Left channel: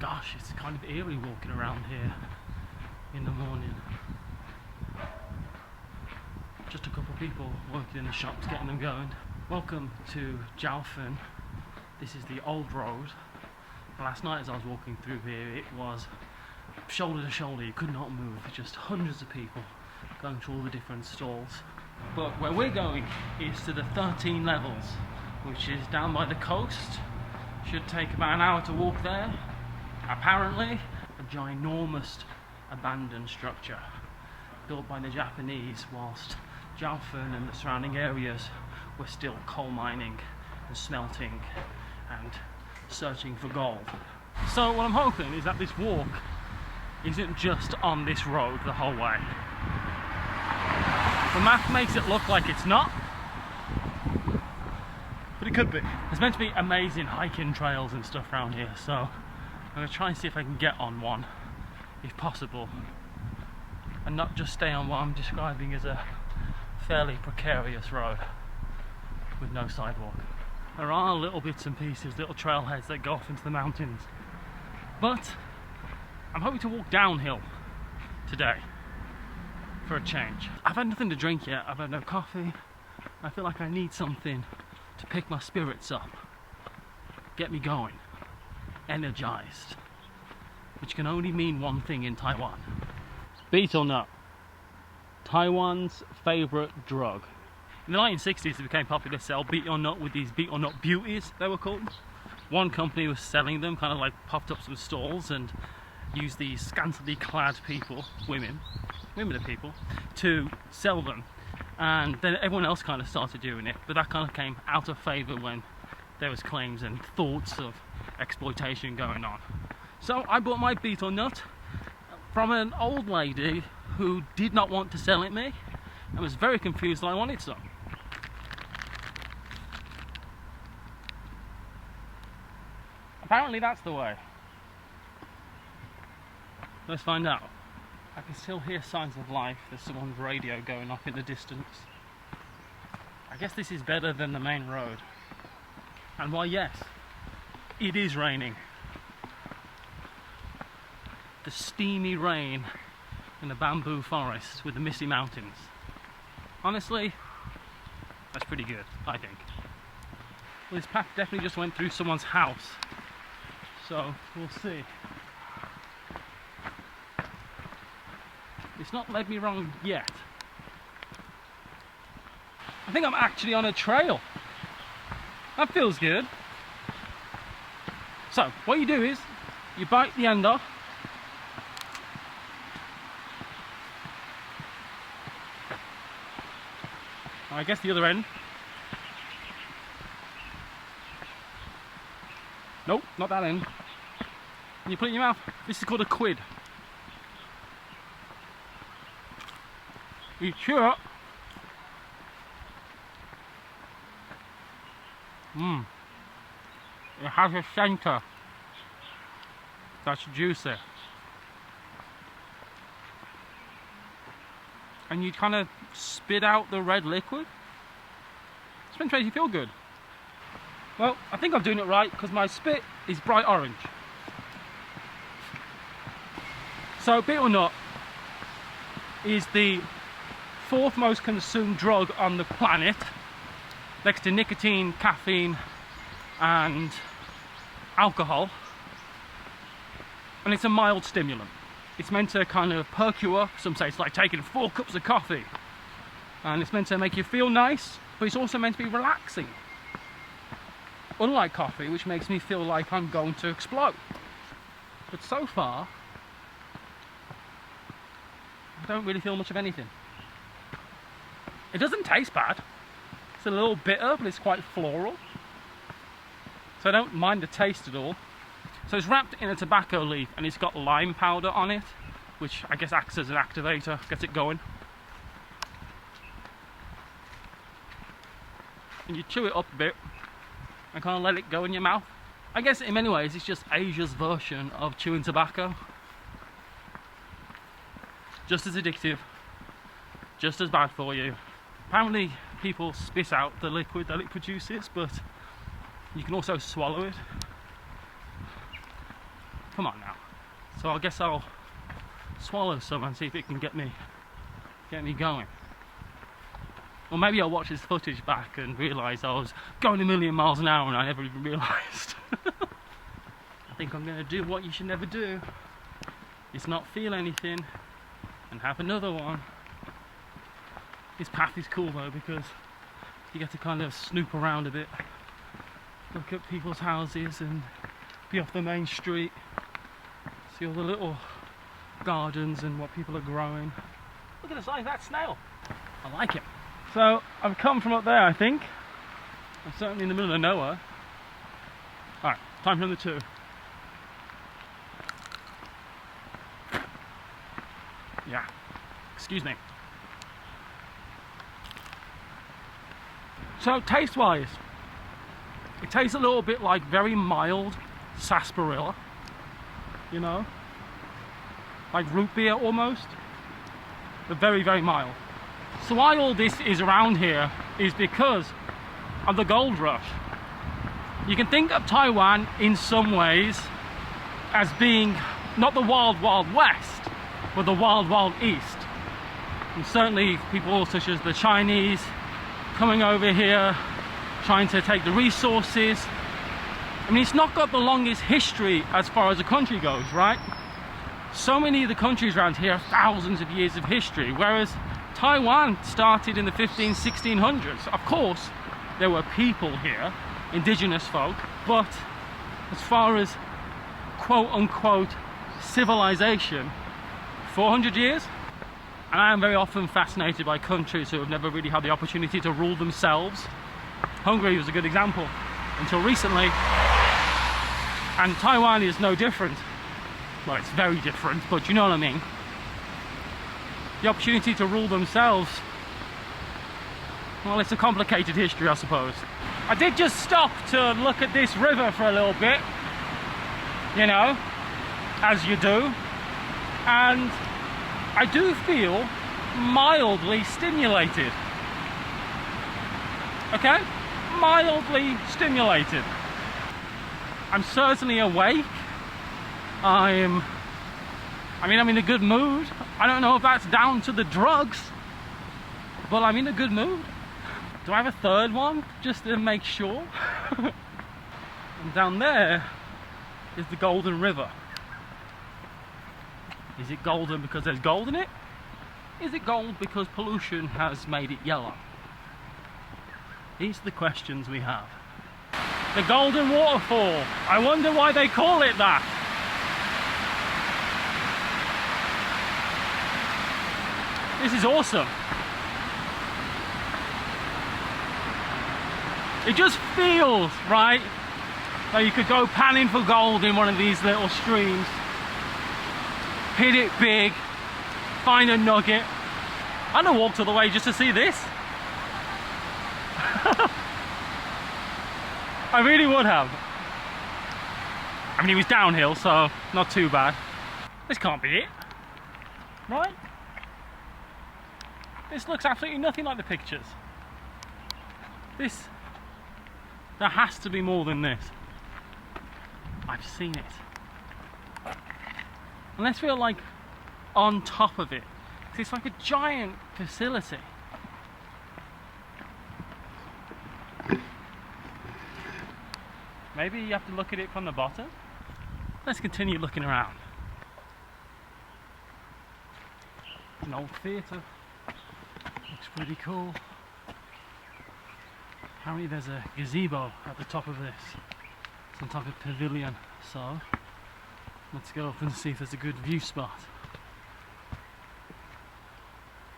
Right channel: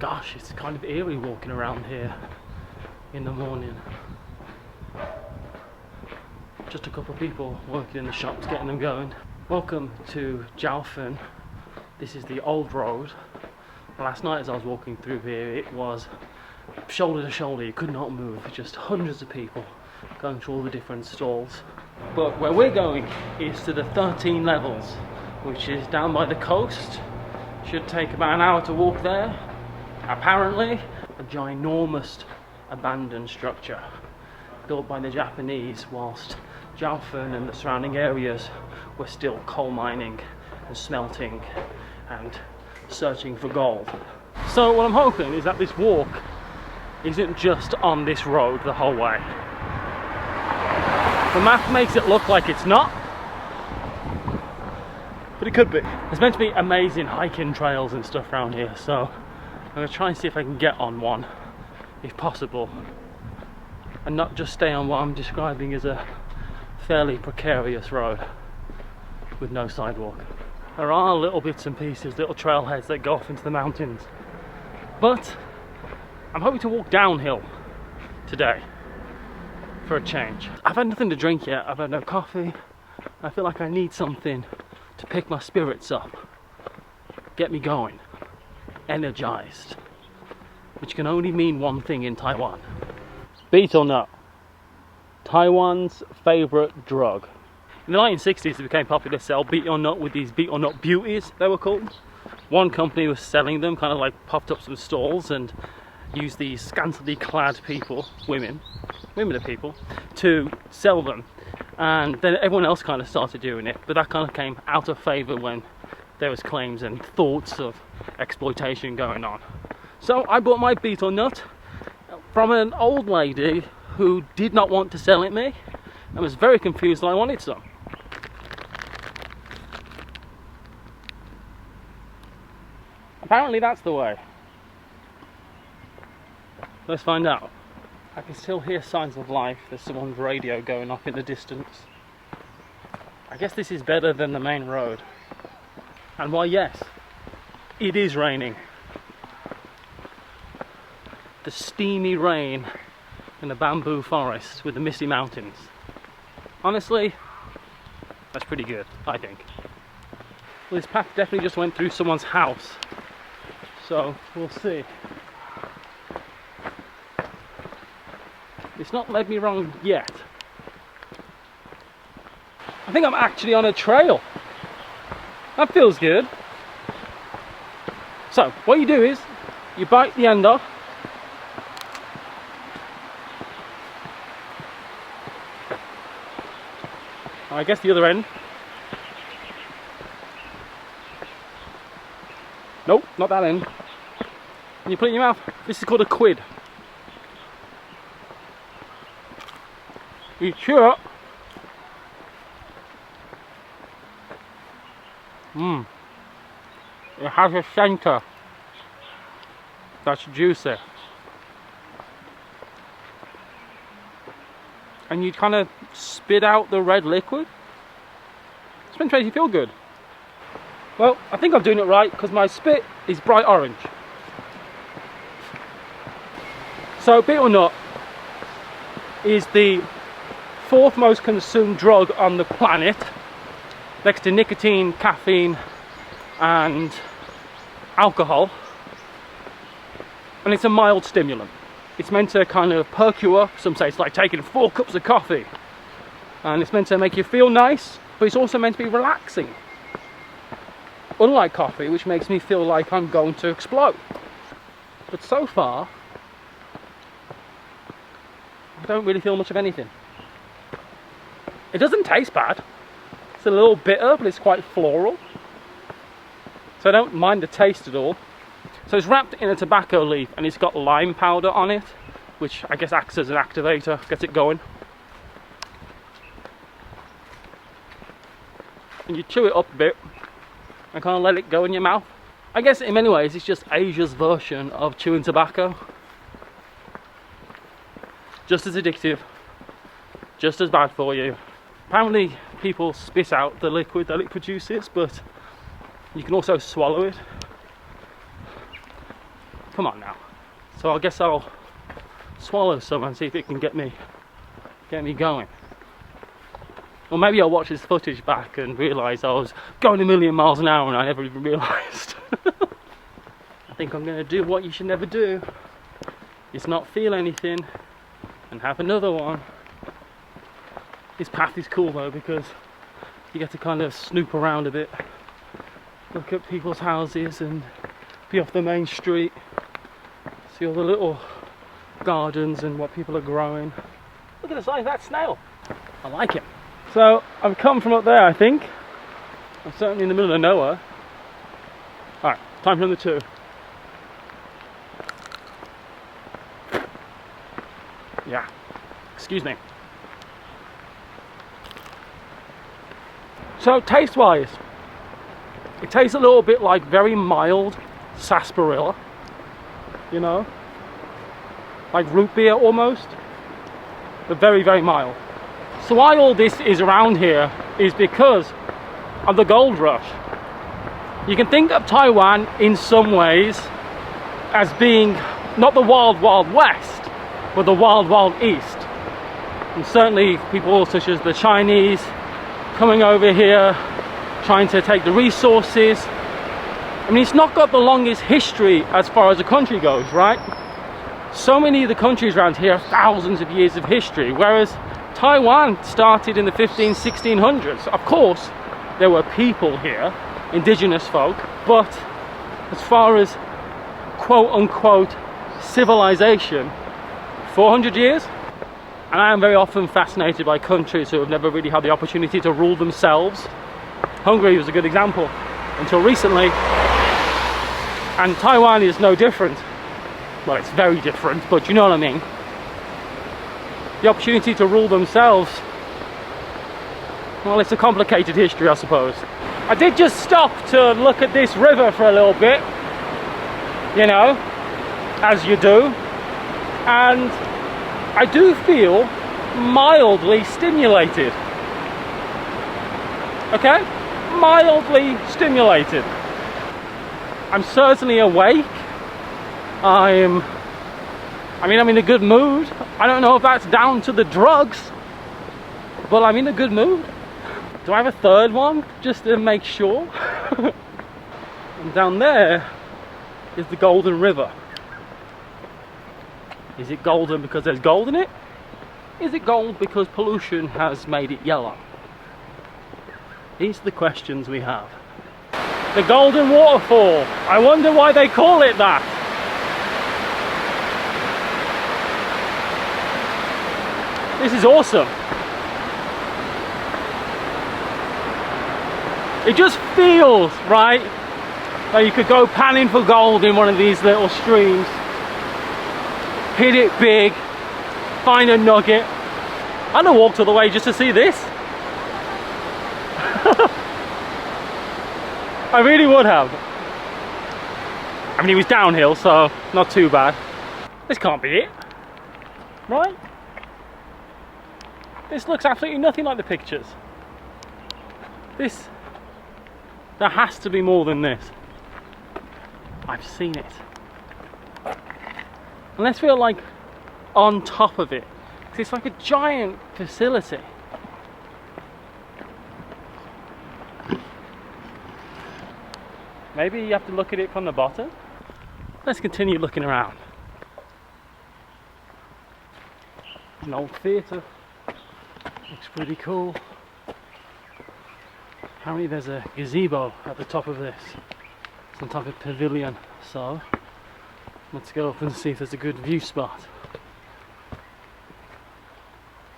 Gosh, it's kind of eerie walking around here in the morning. Just a couple of people working in the shops, getting them going. Welcome to Jiaofen. This is the old road. Last night as I was walking through here, it was shoulder to shoulder, you could not move. Just hundreds of people going through all the different stalls. But where we're going is to the 13 levels, which is down by the coast. Should take about an hour to walk there. Apparently, a ginormous abandoned structure built by the Japanese whilst Jiaofen and the surrounding areas were still coal mining and smelting and searching for gold. So what I'm hoping is that this walk isn't just on this road the whole way. The map makes it look like it's not, but it could be. There's meant to be amazing hiking trails and stuff around here, so I'm going to try and see if I can get on one, if possible, and not just stay on what I'm describing as a fairly precarious road with no sidewalk. There are little bits and pieces, little trailheads that go off into the mountains, but I'm hoping to walk downhill today for a change. I've had nothing to drink yet, I've had no coffee. I feel like I need something to pick my spirits up, get me going, energized, which can only mean one thing in Taiwan. Betel Nut, Taiwan's favorite drug. In the 1960s it became popular to sell betel nut with these betel nut beauties, they were called. One company was selling them, kind of like popped up some stalls and used these scantily clad people, women are people, to sell them. And then everyone else kind of started doing it, but that kind of came out of favour when there was claims and thoughts of exploitation going on. So I bought my betel nut from an old lady who did not want to sell it me and was very confused that I wanted some. Apparently that's the way. Let's find out. I can still hear signs of life. There's someone's radio going off in the distance. I guess this is better than the main road. And why, yes, it is raining. The steamy rain in the bamboo forest with the misty mountains. Honestly, that's pretty good, I think. Well, this path definitely just went through someone's house, so we'll see. It's not led me wrong yet. I think I'm actually on a trail. That feels good. So, what you do is, you bite the end off. I guess the other end. Nope, not that end. And you put it in your mouth. This is called a quid. You chew it. It has a centre that's juicy. And you kind of spit out the red liquid. It's meant to make you feel good. Well, I think I'm doing it right because my spit is bright orange. So betel nut is the fourth most consumed drug on the planet, next to nicotine, caffeine and alcohol, and it's a mild stimulant. It's meant to kind of perk you up. Some say it's like taking 4 cups of coffee, and it's meant to make you feel nice, but it's also meant to be relaxing, unlike coffee, which makes me feel like I'm going to explode. But so far I don't really feel much of anything. It doesn't taste bad. It's a little bitter, but it's quite floral. So I don't mind the taste at all. So it's wrapped in a tobacco leaf and it's got lime powder on it, which I guess acts as an activator, gets it going. And you chew it up a bit and kind of let it go in your mouth. I guess in many ways it's just Asia's version of chewing tobacco. Just as addictive, just as bad for you. Apparently people spit out the liquid that it produces, but you can also swallow it. come on now. So I guess I'll swallow some and see if it can get me going. Or maybe I'll watch this footage back and realise I was going a million miles an hour and I never even realised. I think I'm going to do what you should never do. Is not feel anything and have another one. This path is cool though, because you get to kind of snoop around a bit, look at people's houses and be off the main street, see all the little gardens and what people are growing. Look at the size of that snail. I like it. So I've come from up there, I think. I'm certainly in the middle of nowhere. Alright, time for number 2. Yeah, excuse me. So taste wise, it tastes a little bit like very mild sarsaparilla, you know, like root beer almost, but very, very mild. So why all this is around here is because of the gold rush. You can think of Taiwan in some ways as being not the wild, wild west, but the wild, wild east. And certainly people such as the Chinese coming over here, trying to take the resources. I mean, it's not got the longest history as far as the country goes, right? So many of the countries around here have thousands of years of history, whereas Taiwan started in the 1600s. Of course, there were people here, indigenous folk, but as far as quote-unquote civilization, 400 years. And I am very often fascinated by countries who have never really had the opportunity to rule themselves. Hungary was a good example until recently, and Taiwan is no different. Well, it's very different, but you know what I mean. The opportunity to rule themselves, well, it's a complicated history, I suppose. I did just stop to look at this river for a little bit, you know, as you do, and I do feel mildly stimulated. Okay? Mildly stimulated. I'm certainly awake. I'm in a good mood. I don't know if that's down to the drugs, but I'm in a good mood. Do I have a third one just to make sure? And down there is the Golden River. Is it golden because there's gold in it? Is it gold because pollution has made it yellow? These are the questions we have. The Golden Waterfall. I wonder why they call it that. This is awesome. It just feels, right, that you could go panning for gold in one of these little streams. Hit it big, find a nugget. I'd have walked all the way just to see this. I really would have. I mean, it was downhill, so not too bad. This can't be it, right? This looks absolutely nothing like the pictures. There has to be more than this. I've seen it. Unless we're like on top of it. It's like a giant facility. Maybe you have to look at it from the bottom. Let's continue looking around. An old theatre. Looks pretty cool. Apparently there's a gazebo at the top of this. Some type of pavilion. So let's go up and see if there's a good view spot.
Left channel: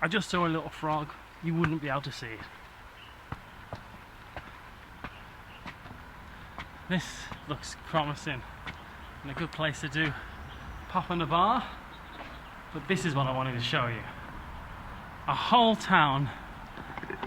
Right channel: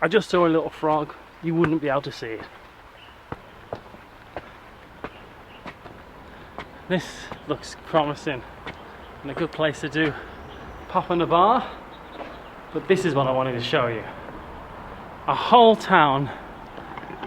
I just saw a little frog. You wouldn't be able to see it. This looks promising and a good place to do pop in a bar. But this is what I wanted to show you. A whole town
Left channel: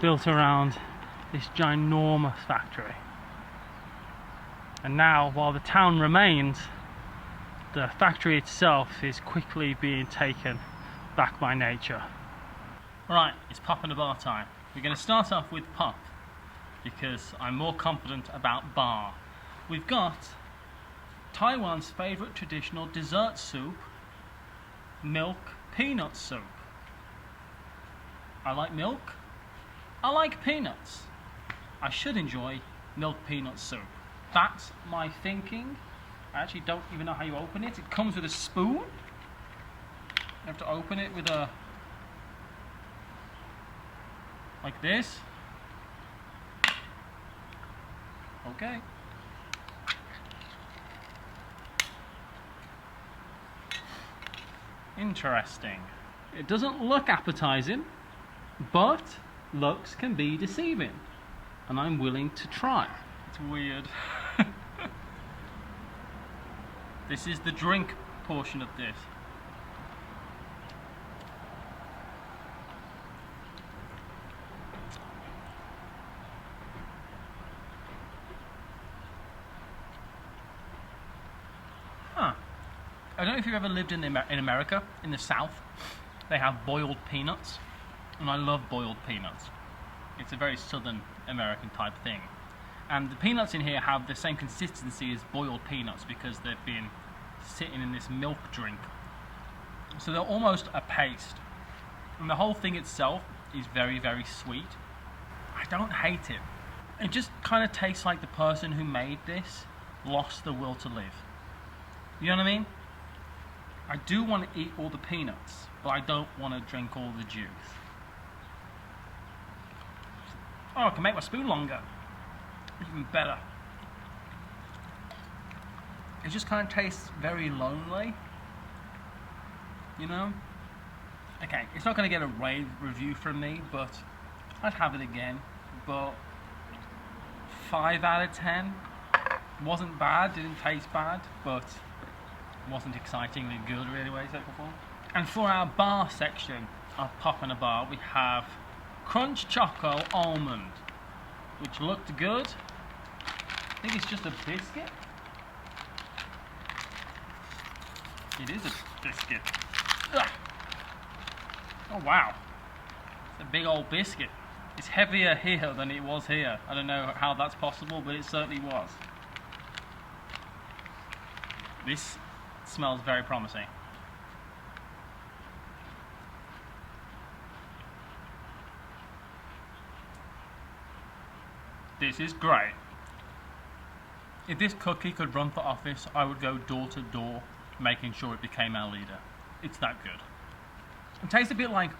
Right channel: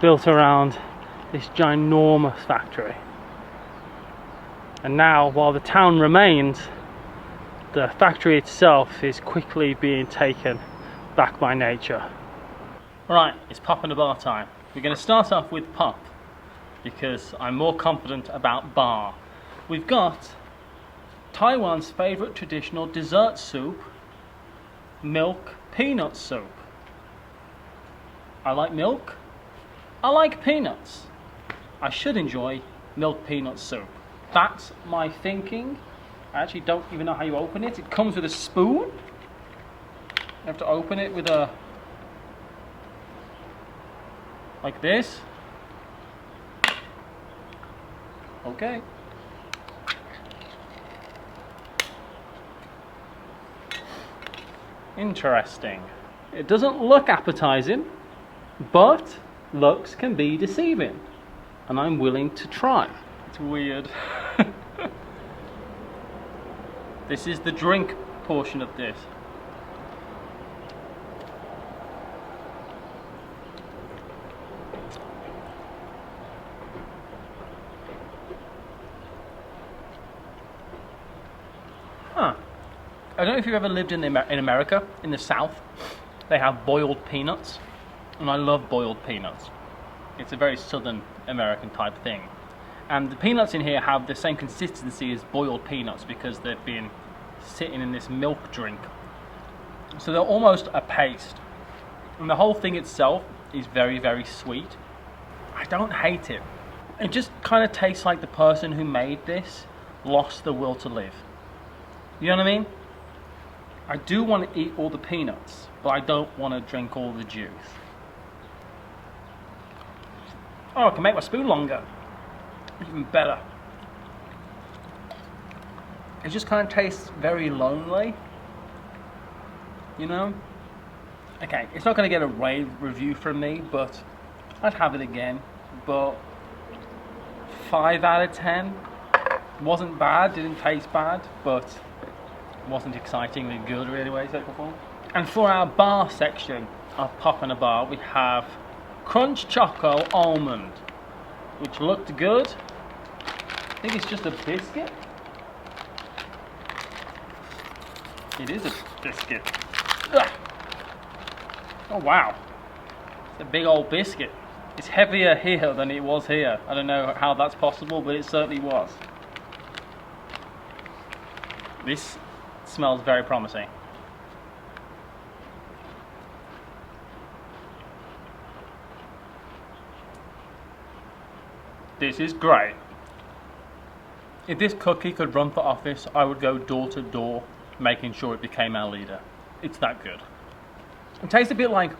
built around this ginormous factory. And now, while the town remains, the factory itself is quickly being taken back by nature. Right, it's pop and a bar time. We're going to start off with pop because I'm more confident about bar. We've got Taiwan's favourite traditional dessert soup, milk peanut soup. I like milk. I like peanuts. I should enjoy milk peanut soup. That's my thinking. I actually don't even know how you open it. It comes with a spoon. You have to open it with a... like this. Okay. Interesting. It doesn't look appetizing, but looks can be deceiving. And I'm willing to try. It's weird. This is the drink portion of this. Huh. I don't know if you've ever lived in America, in the South. They have boiled peanuts, and I love boiled peanuts. It's a very Southern American type thing. And the peanuts in here have the same consistency as boiled peanuts because they've been sitting in this milk drink. So they're almost a paste. And the whole thing itself is very, very sweet. I don't hate it. It just kind of tastes like the person who made this lost the will to live. You know what I mean? I do want to eat all the peanuts, but I don't want to drink all the juice. Oh, I can make my spoon longer. Even better. It just kind of tastes very lonely. You know? Okay, it's not going to get a rave review from me, but I'd have it again. But 5 out of 10. Wasn't bad, didn't taste bad, but wasn't excitingly good really, way shape or form. And for our bar section of Pop in a Bar, we have Crunch Choco Almond, which looked good. I think it's just a biscuit. It is a biscuit. Ugh. Oh wow, it's a big old biscuit. It's heavier here than it was here. I don't know how that's possible, but it certainly was. This smells very promising. This is great. If this cookie could run for office, I would go door to door making sure it became our leader. It's that good. It tastes a bit like,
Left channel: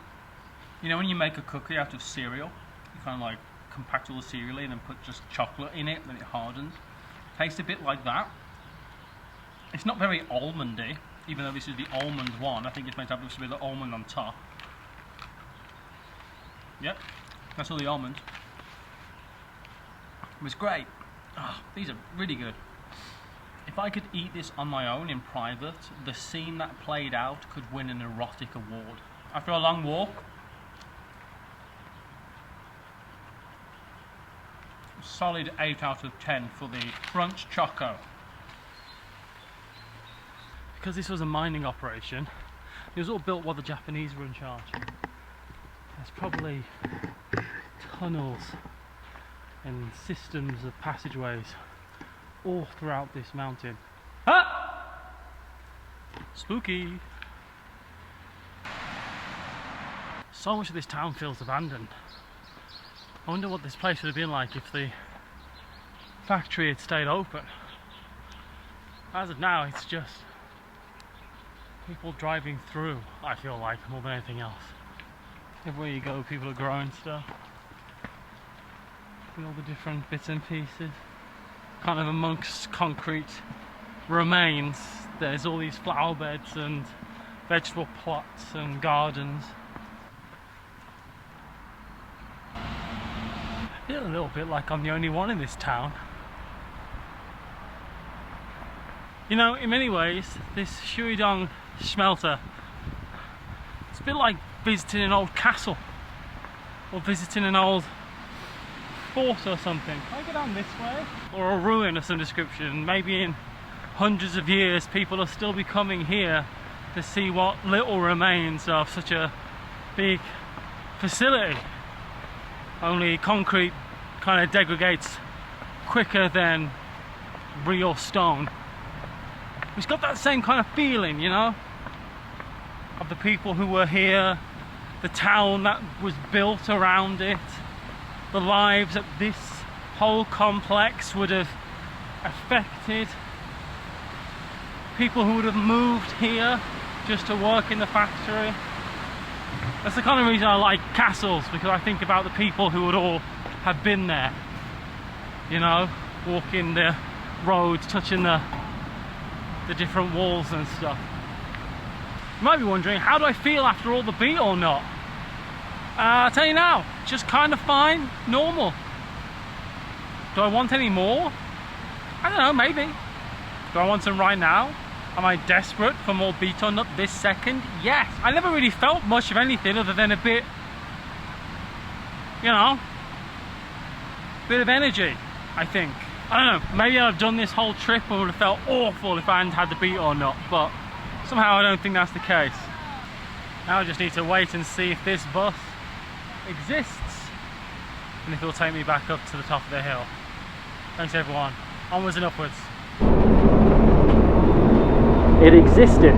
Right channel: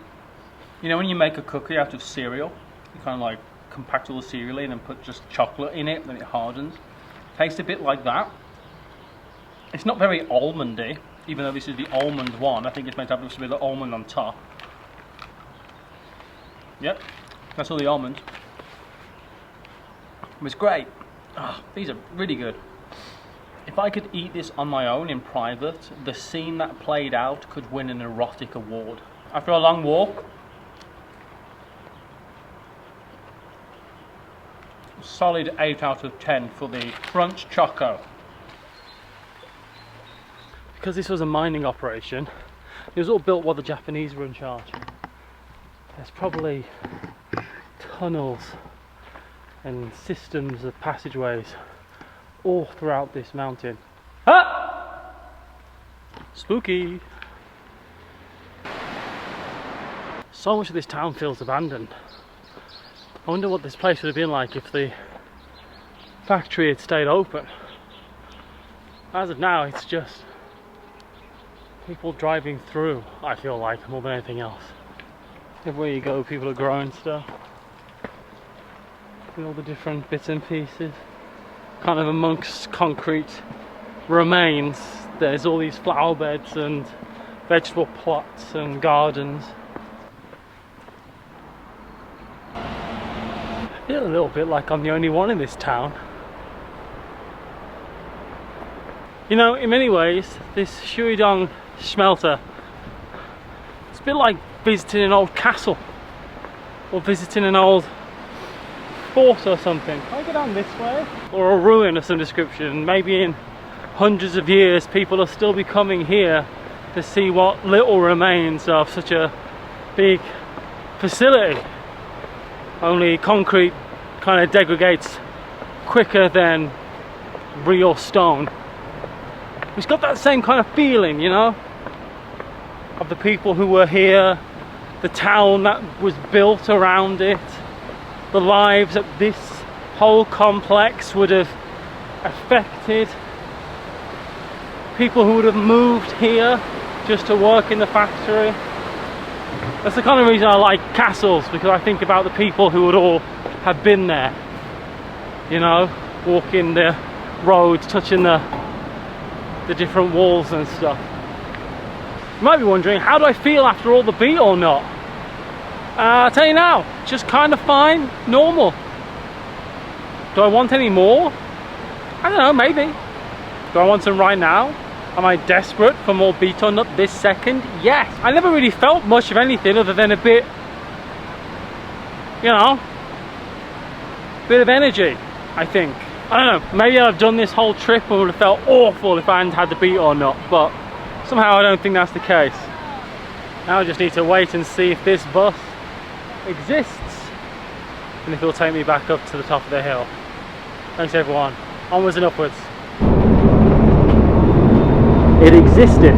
you know when you make a cookie out of cereal, you kind of like compact all the cereal in and put just chocolate in it, then it hardens. Tastes a bit like that. It's not very almondy, even though this is the almond one. I think it's meant to have just a bit of almond on top. Yep, that's all the almonds. It was great. Oh, these are really good. If I could eat this on my own in private, the scene that played out could win an erotic award. After a long walk, solid 8 out of 10 for the Crunch Choco. Because this was a mining operation, it was all built while the Japanese were in charge. There's probably tunnels and systems of passageways all throughout this mountain. Ah! Spooky! So much of this town feels abandoned. I wonder what this place would have been like if the factory had stayed open. As of now, it's just people driving through, I feel like, more than anything else. Everywhere you go, people are growing stuff. And all the different bits and pieces. Kind of amongst concrete remains, there's all these flower beds and vegetable plots and gardens. I feel a little bit like I'm the only one in this town. You know, in many ways, this Shuidong smelter, it's a bit like visiting an old castle or visiting an old fort or something. Can I go down this way? Or a ruin of some description. Maybe in hundreds of years people will still be coming here to see what little remains of such a big facility. Only concrete kind of degrades quicker than real stone. It's got that same kind of feeling, you know, of the people who were here, the town that was built around it, the lives that this whole complex would have affected, people who would have moved here just to work in the factory. That's the kind of reason I like castles, because I think about the people who would all have been there, you know, walking the roads, touching the different walls and stuff. You might be wondering, how do I feel after all the Betel Nut? I'll tell you now, just kind of fine, normal. Do I want any more? I don't know, maybe. Do I want some right now? Am I desperate for more Betel Nut this second? Yes. I never really felt much of anything other than a bit, you know, bit of energy, I think. I don't know, maybe I'd have done this whole trip and would have felt awful if I hadn't had the Betel Nut, but somehow I don't think that's the case. Now I just need to wait and see if this bus exists and if it'll take me back up to the top of the hill. Thanks everyone. Onwards and upwards. It existed.